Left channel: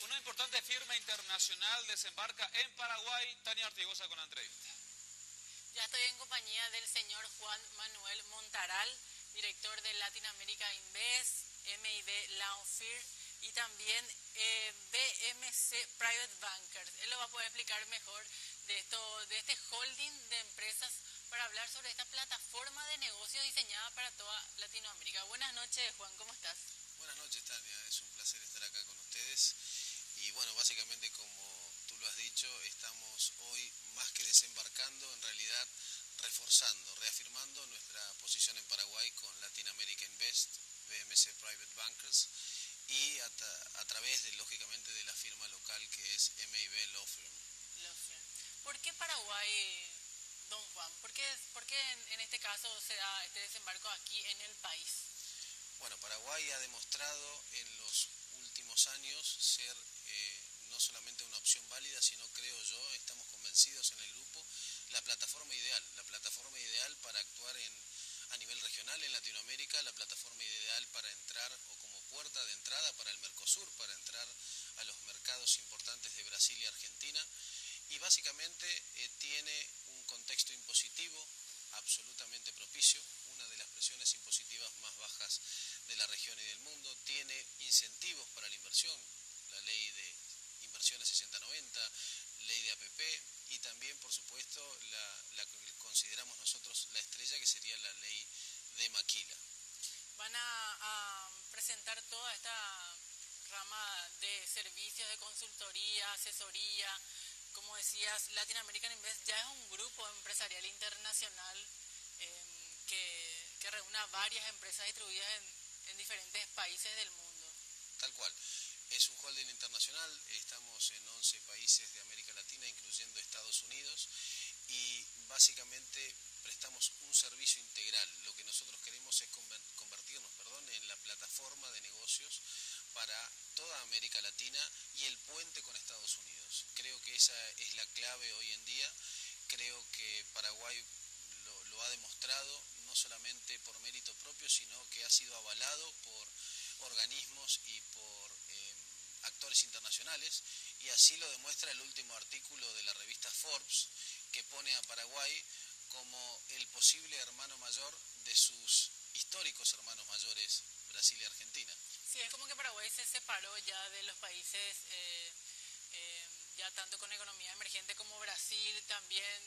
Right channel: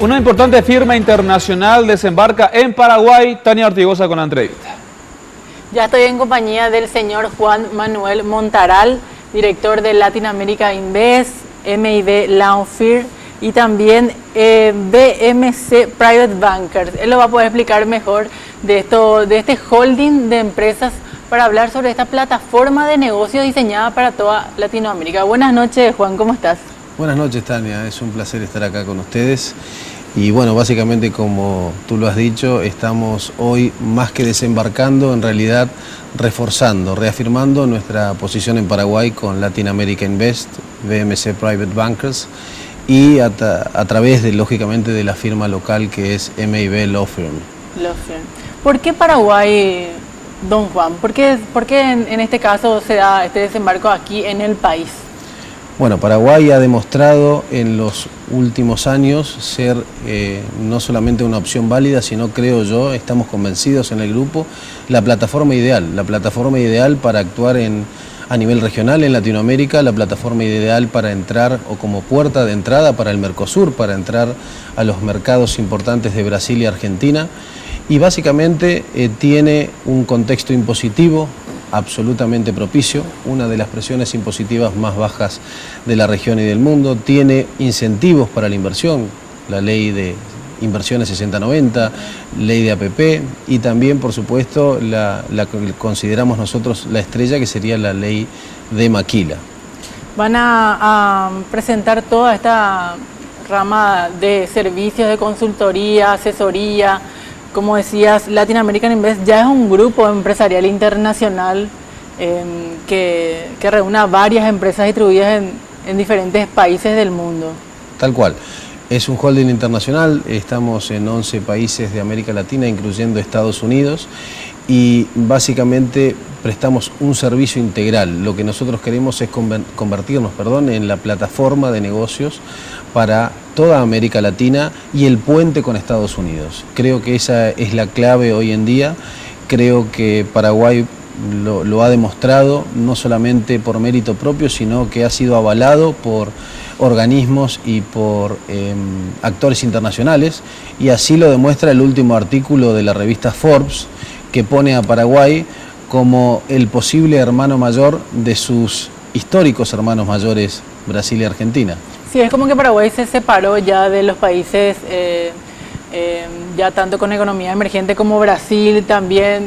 Una importante firma internacional desembarca en Paraguay. Tania Ortigosa con la entrevista. Ya estoy en compañía del señor Juan Manuel Montaral, director de Latin America Invest, MIB Launfir y también BMC Private Bankers. Él lo va a poder explicar mejor de este holding de empresas para hablar sobre esta plataforma de negocios diseñada para toda Latinoamérica. Buenas noches, Juan, ¿cómo estás? Buenas noches, Tania. Es un placer estar acá con ustedes. Y bueno, básicamente como tú lo has dicho, estamos hoy más que desembarcando, en realidad reforzando, reafirmando nuestra posición en Paraguay con Latin America Invest, BMC Private Bankers y a través de, lógicamente, de la firma local que es MIB Law Firm. ¿Por qué Paraguay, don Juan? ¿Por qué en este caso se da este desembarco aquí en el país? Bueno, Paraguay ha demostrado en los últimos años ser no solamente una opción válida, sino, creo yo, estamos convencidos en el grupo, la plataforma ideal para actuar a nivel regional en Latinoamérica, la plataforma ideal para entrar o como puerta de entrada para el Mercosur, para entrar a los mercados importantes de Brasil y Argentina. Y básicamente tiene un contexto impositivo absolutamente propicio, una de las presiones impositivas más bajas de la región y del mundo, tiene incentivos para la inversión, la ley de inversiones 6090, ley de APP y también, por supuesto, la que consideramos nosotros la estrella, que sería la ley de Maquila. Van a presentar toda esta rama de servicios de consultoría, asesoría. Como decías, Latin American Invest ya es un grupo empresarial internacional que reúne a varias empresas distribuidas en diferentes países del mundo. Tal cual. Es un holding internacional, estamos en 11 países de América Latina, incluyendo Estados Unidos, y básicamente prestamos un servicio integral. Lo que nosotros queremos es convertirnos en la plataforma de negocios para toda América Latina y el puente con Estados Unidos. Creo que esa es la clave hoy en día. Creo que Paraguay lo ha demostrado, no solamente por mérito propio, sino que ha sido avalado por organismos y por actores internacionales, y así lo demuestra el último artículo de la revista Forbes, que pone a Paraguay como el posible hermano mayor de sus históricos hermanos mayores Brasil y Argentina. Sí, es como que Paraguay se separó ya de los países, ya tanto con economía emergente como Brasil también.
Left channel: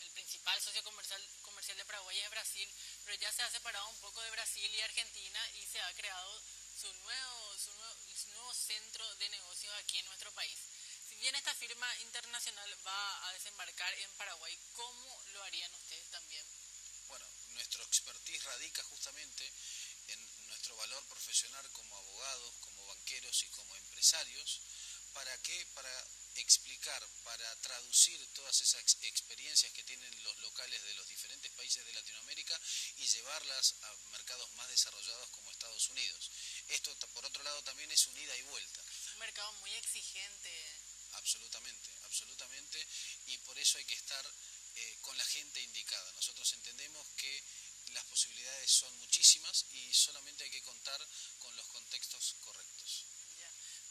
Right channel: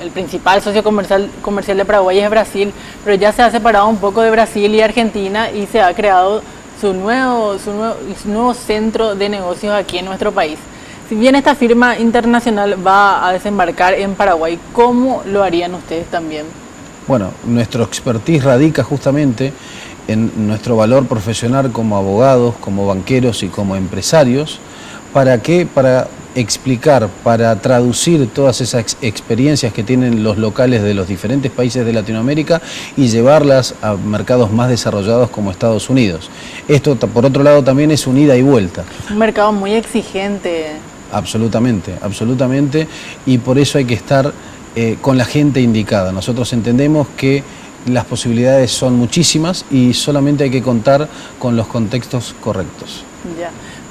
El principal socio comercial de Paraguay es Brasil, pero ya se ha separado un poco de Brasil y Argentina y se ha creado su nuevo centro de negocios aquí en nuestro país. Si bien esta firma internacional va a desembarcar en Paraguay, ¿cómo lo harían ustedes también? Bueno, nuestro expertise radica justamente en nuestro valor profesional como abogados, como banqueros y como empresarios. ¿Para qué? Para explicar, para traducir todas esas experiencias que tienen los locales de los diferentes países de Latinoamérica y llevarlas a mercados más desarrollados como Estados Unidos. Esto, por otro lado, también es un ida y vuelta. Un mercado muy exigente. Absolutamente, absolutamente, y por eso hay que estar con la gente indicada. Nosotros entendemos que las posibilidades son muchísimas y solamente hay que contar con los contextos correctos. Ya.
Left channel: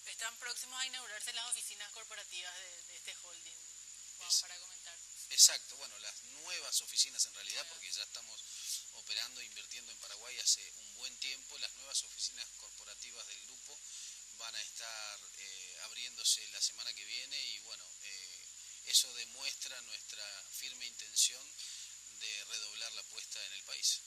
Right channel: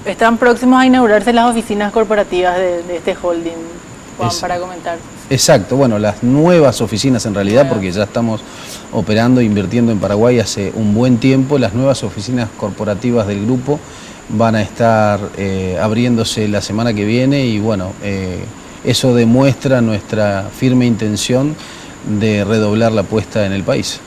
Están próximos a inaugurarse las oficinas corporativas de este holding, Juan, para comentar. Exacto, bueno, las nuevas oficinas en realidad, porque ya estamos operando e invirtiendo en Paraguay hace un buen tiempo, las nuevas oficinas corporativas del grupo van a estar abriéndose la semana que viene y bueno, eso demuestra nuestra firme intención de redoblar la apuesta en el país.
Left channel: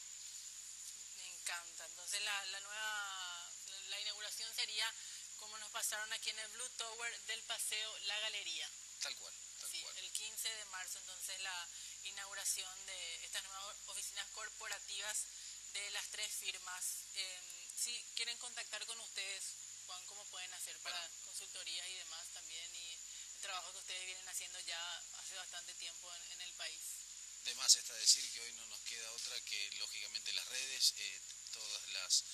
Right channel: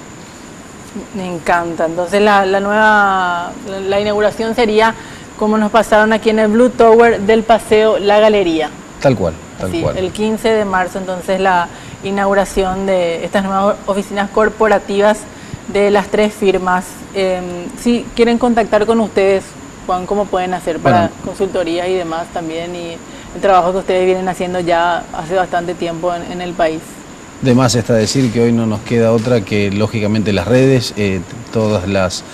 Me encanta. Entonces la inauguración sería como nos pasaron aquí en el Blue Tower del Paseo La Galería. Tal cual, tal cual. El 15 de marzo, entonces, la inauguración de estas nuevas oficinas corporativas de las tres firmas. Si quieren contactar con ustedes, Juan, ¿cómo pueden hacer para consultorías y demás también? Y el trabajo que ustedes vienen haciendo ya hace bastante tiempo en el país. De más está decir que hoy no nos queda otra que, lógicamente, las redes. Todas las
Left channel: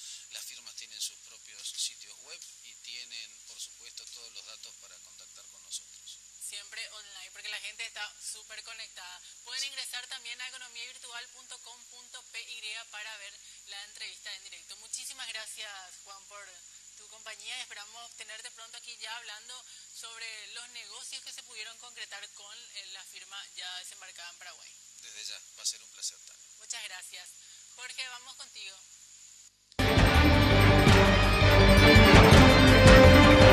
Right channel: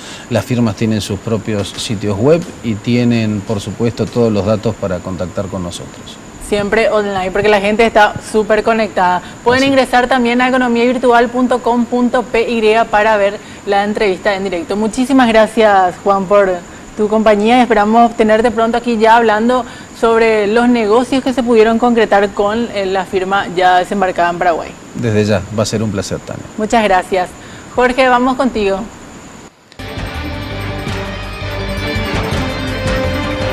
firmas tienen sus propios sitios web y tienen, por supuesto, todos los datos para contactar con nosotros. Siempre online, porque la gente está súper conectada. Pueden ingresar también a economiavirtual.com.py para ver la entrevista en directo. Muchísimas gracias, Juan, por tu compañía y esperamos tenerte pronto aquí ya hablando sobre los negocios que se pudieron concretar con la firma ya desembarcada en Paraguay. Desde ya, va a ser un placer, Tania. Muchas gracias. Jorge, vamos contigo.